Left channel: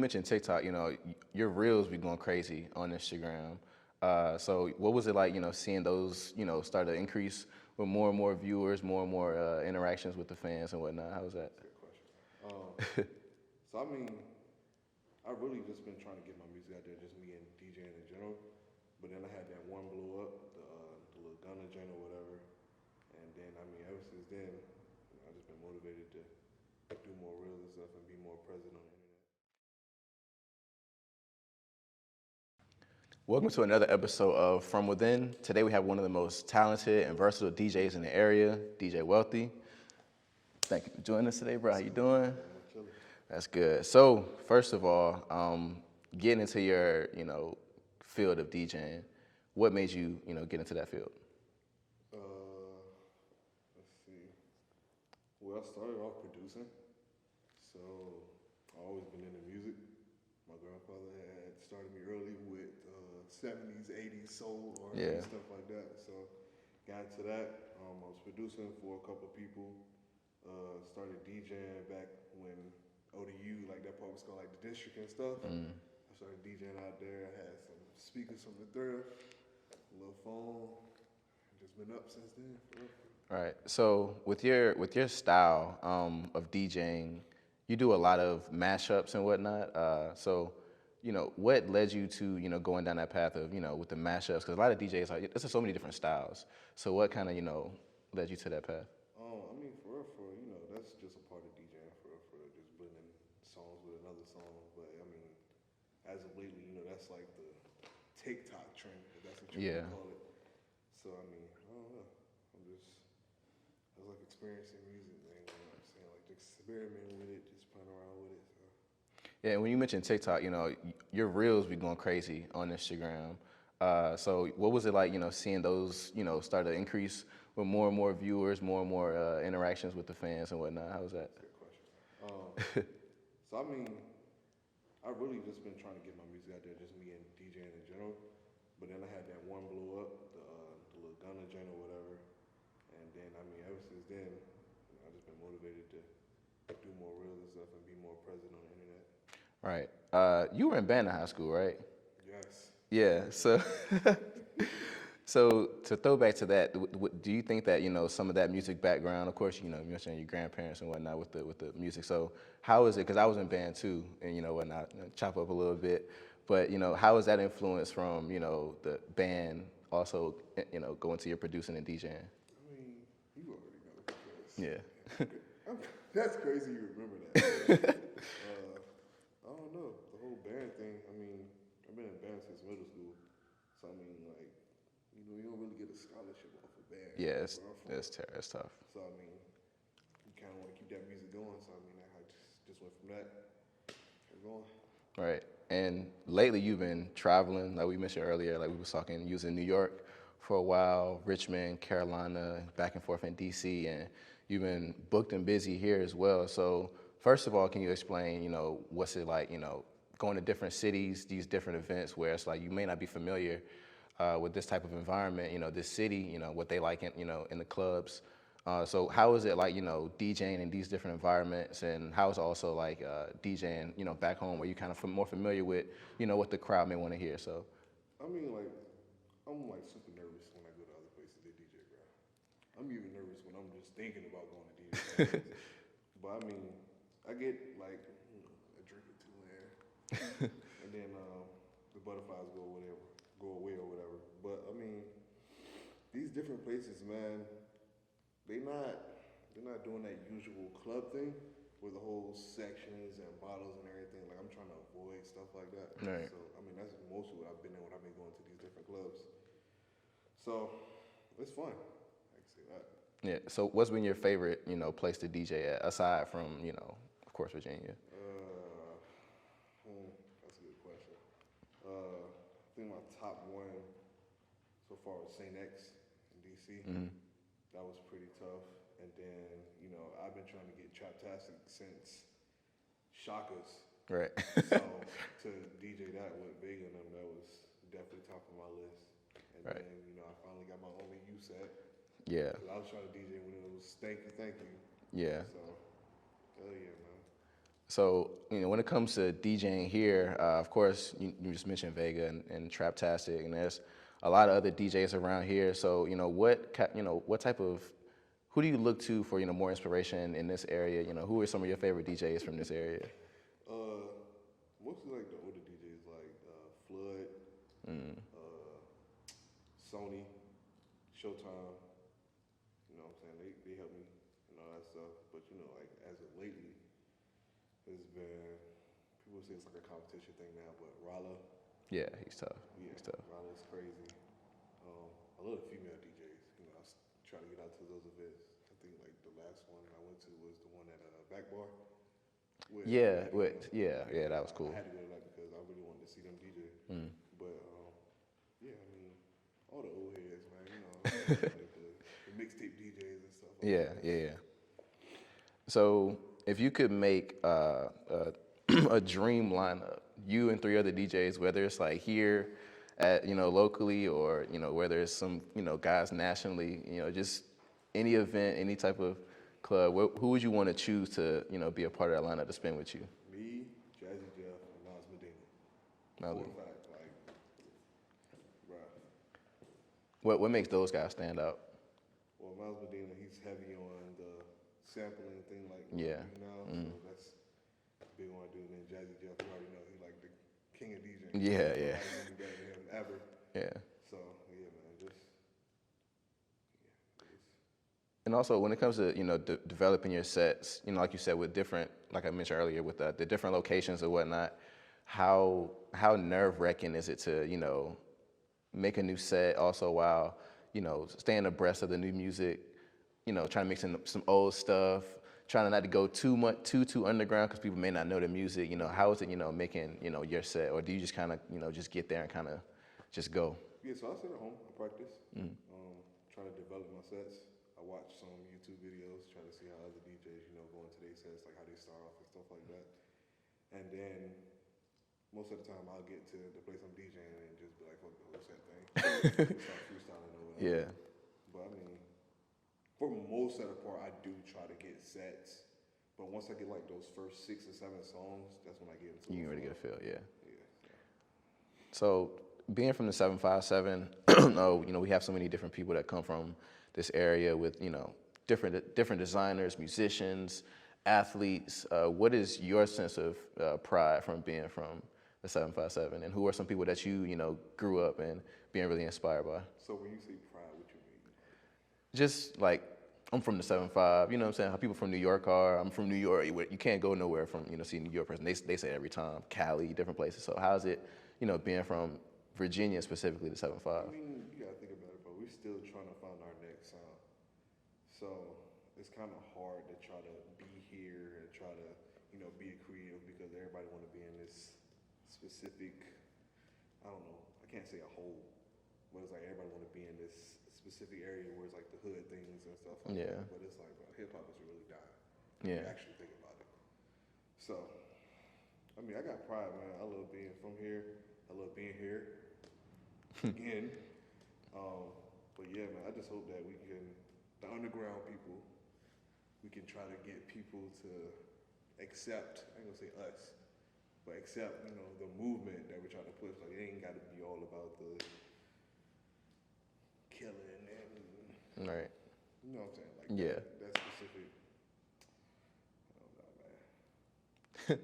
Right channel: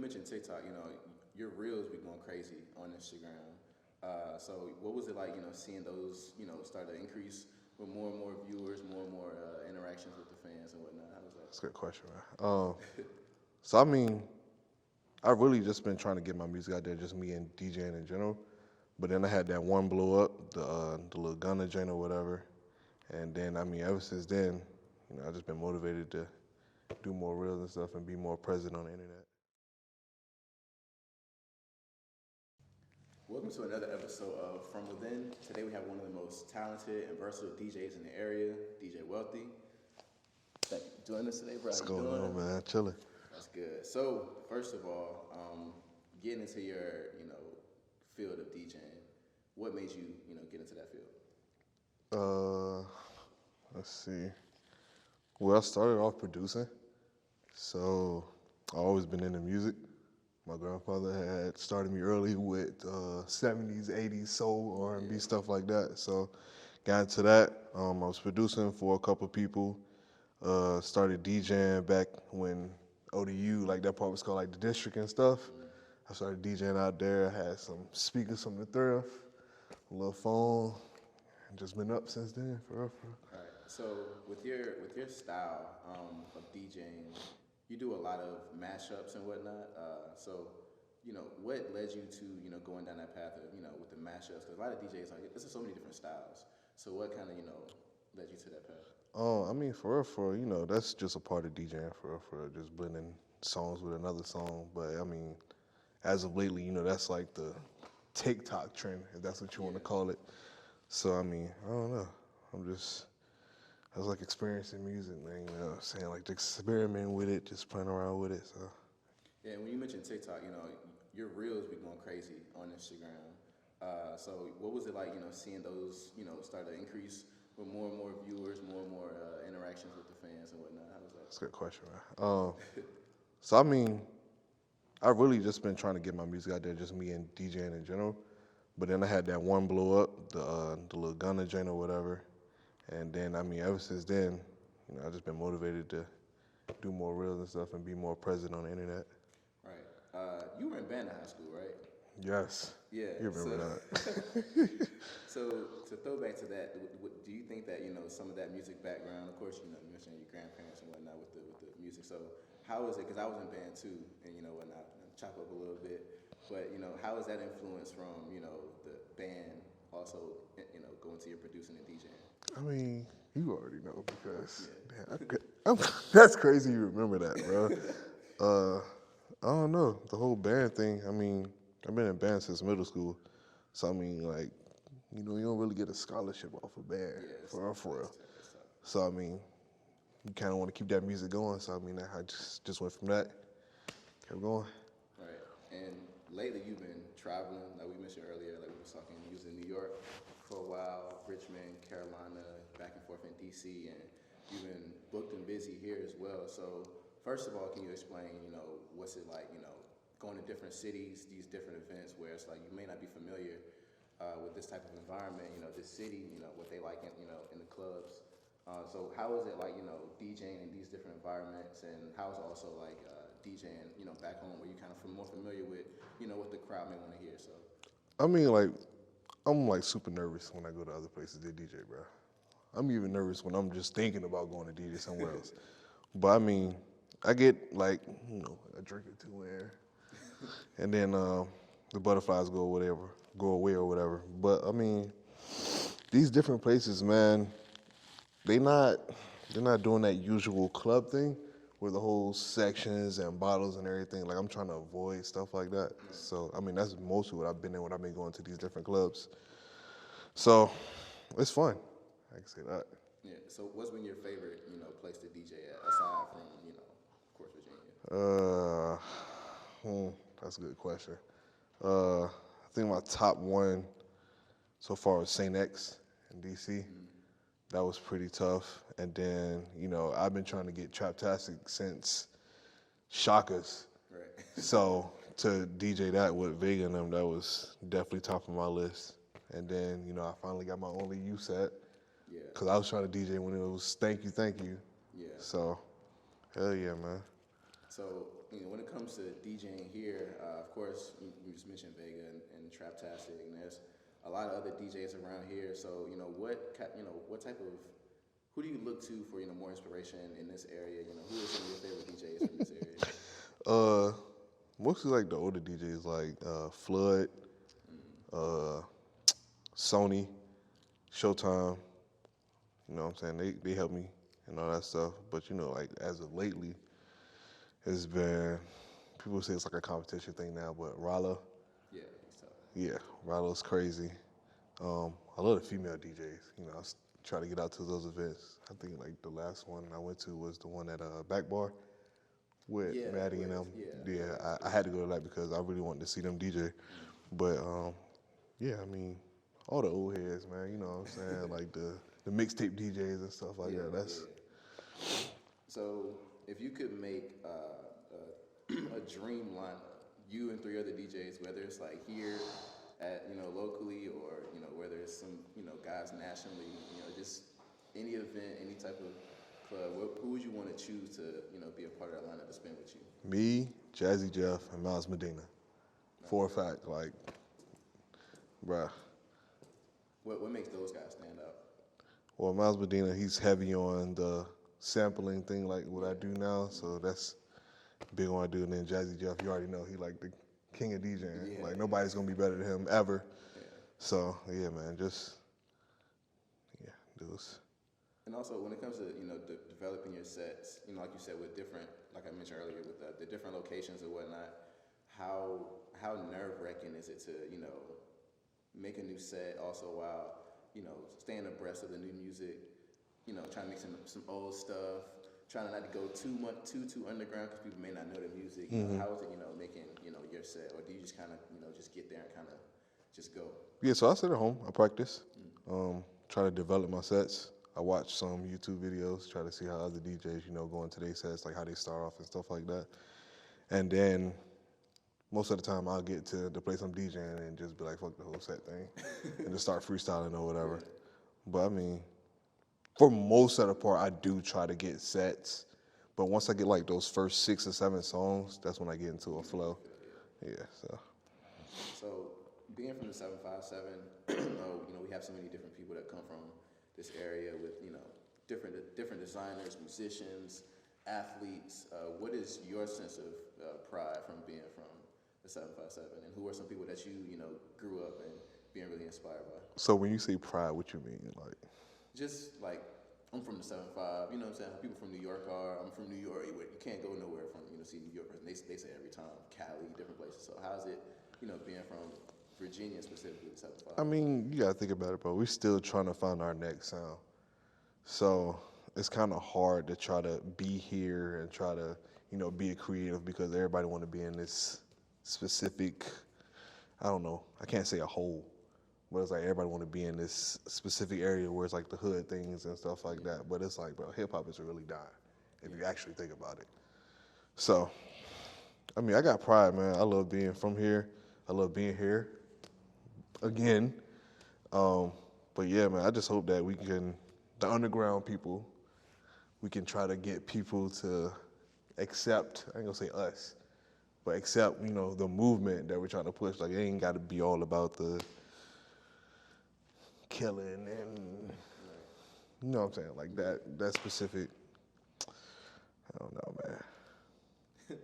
mentioned TikTok, your reels be going crazy on Instagram. So what was it like, seeing those, start to increase with more and more viewers, more and more interactions with the fans and whatnot? How was that? That's a good question, man. So I mean, I've really just been trying to get my music out there, just me and DJing in general. But then I had that one blow up, the little Gunna joint or whatever. And then, I mean, ever since then, I've just been motivated to do more reels and stuff and be more present on the internet. Welcome to another episode of From Within. Today we have one of the most talented and versatile DJs in the area, DJ Wlthy. Thank you for joining us today, bro. How you doing? Man? Chilling. That's good. So, first of all, getting into your, field of DJing, what made you, get into that field? Let's see. Well, I started off producing, so I've always been into music. My grandfather had started me early with 70s, 80s soul, R&B, stuff like that. So got into that. I was producing for a couple people. Started DJing back when ODU, like that part was called like the district and stuff. I started DJing out there. I had some speakers from the thrift, a little phone, and just been up since then, for real. Right. So with your style of DJing, you do a lot of mashups and whatnot. So, what led you to going down that path of with the mashups? Because a lot of DJs there's so many different styles. So what kind of led you to that path? I mean, for real, that's just a part of DJing, for real, just blending songs with another song. But I mean, as of lately, that's like the TikTok trend, if that's what you want to call it. So I mean, I don't know. I was like experiencing music, man. You know what I'm saying? Like experimenting with it, just playing around with it. So. Yeah, and when you mentioned TikTok, your reels be going crazy on Instagram. So what was it like, seeing those, start to increase with more and more viewers, more and more interactions with the fans and whatnot? How was that? That's a good question, man. So I mean, I've really just been trying to get my music out there, just me and DJing in general. But then I had that one blow up, the little Gunna joint or whatever. And then, I mean, ever since then, I've just been motivated to do more reels and stuff and be more present on the internet. Right. You were in band in high school, right? Yes. Yeah. So to throw back to that, do you think that some of that music background? Of course, you mentioned your grandparents and whatnot with the music. So how is it? Because I was in band too, and whatnot, chop up a little bit. But how is that influence from the band also going to your producing and DJing? I mean, you already know because that's crazy. You remember that? I don't know the whole band thing. I mean, I've been in band since middle school, so I mean, like, you don't really get a scholarship off a band. Yeah, it's tough. So I mean, you kind of want to keep that music going. So I mean, I just went from that, kept going. Right. And lately you've been traveling, like we mentioned earlier, like we were talking, you was in New York for a while, Richmond, Carolina, back and forth in DC, and you've been booked and busy here as well. So first of all, can you explain, what's it like, going to different cities, these different events where it's like you may not be familiar with this type of environment, this city, what they like in the clubs. So how is it like, DJing in these different environments, and how is it also like DJing, back home where you're kind of more familiar with, what the crowd may want to hear? So, I mean, like, I'm like super nervous when I go to other places to DJ, bro. I'm even nervous when I'm just thinking about going to DJ somewhere else. But I mean, I get like, a drink or two in, and then the butterflies go away or whatever. But I mean, these different places, man, they're not doing that usual club thing where the whole sections and bottles and everything. Like, I'm trying to avoid stuff like that. Right. So I mean, that's mostly what I've been in when I've been going to these different clubs. So it's fun. I can say that. Yeah. So what's been your favorite, place to DJ at, aside from, of course, Virginia? That's a good question. I think my top one so far was Saint X in DC. Mm-hmm. That was pretty tough. And then, I've been trying to get Traptastic since Shaka's. Right. So to DJ that with Vega and them, that was definitely top of my list. And then, I finally got my only U set. Yeah. Because I was trying to DJ when it was Thank You. Yeah. So, hell yeah, man. So, when it comes to DJing here, of course, you just mentioned Vega and Traptastic, and there's a lot of other DJs around here. So, what type of, who do you look to for, more inspiration in this area? Who are some of your favorite DJs from this area? Uh, Mostly like the older DJs, like Flood, uh, Sony, Showtime. You know what I'm saying? They help me and all that stuff. But like as of lately, it's been, people say it's like a competition thing now, but Rollo, Yeah, he's tough. yeah, He's tough. Rollo's crazy. I love the female DJs. I try to get out to those events. I think like the last one I went to was the one at Back Bar with Yeah, Maddie and them. yeah, that was cool. I had to go to that because I really wanted to see them DJ. But yeah, I mean, all the old heads, man. You know what I'm saying? Like the mixtape DJs and stuff like Yeah, that. yeah. So, if you could make a dream lineup, you and 3 other DJs, whether it's like here at locally or whether it's some guys nationally, just any event, any type of club, who would you want to choose to be a part of that lineup to spin with you? Me, Jazzy Jeff, and Miles Medina. For a fact, like, bruh. What makes those guys stand out? Well, Miles Medina, he's heavy on the sampling thing, like what I do now. So that's big on what I do. And then Jazzy Jeff, you already know, he like the king of DJing. Yeah, like, nobody's gonna be better than him ever. Yeah. So yeah, man, just those. And also, when it comes to developing your sets, like you said, with different, like I mentioned earlier, with the different locations and whatnot, how nerve-wracking is it to make a new set also while staying abreast of the new music, trying to mix in some old stuff, trying not to go too underground because people may not know the music. How is it making your set, or do you just kind of just get there and kind of just go? Yeah, so I sit at home, I practice, try to develop my sets. I watch some YouTube videos, try to see how other DJs, go into their sets, like how they start off and stuff like that. And then most of the time I'll get to the place I'm DJing and just be like, fuck the whole set thing, and just start freestyling or whatever. Yeah. But I mean, for most of the part, I do try to get sets. But once I get like those first 6 or 7 songs, that's when I get into a flow. Yeah. Yeah, So being from the 757, we have so many different people that come from this area with different designers, musicians, athletes. What is your sense of pride from being from the 757, and who are some people that you grew up and being really inspired by? So when you say pride, what you mean? Like, just like, I'm from the 7-5, you know what I'm saying? How people from New York are. I'm from New York. You can't go nowhere from, see a New York person. They say it every time. Cali, different places. So how's it, being from Virginia, specifically the 7-5? I mean, you gotta think about it, bro. We're still trying to find our next sound. So it's kind of hard to try to be here and try to, be a creative because everybody want to be in this specific, I don't know, I can't say a hole. But it's like everybody want to be in this specific area where it's like the hood things and stuff like that. But it's like, bro, hip hop is really dying if you actually think about it. So, I mean, I got pride, man. I love being from here. I love being here again. But yeah, man, I just hope that we can, the underground people, we can try to get people to accept, I ain't gonna say us, but accept, the movement that we're trying to push. Like, it ain't got to be all about the killing and Right. You know what I'm saying? Like that specific, I don't know, man.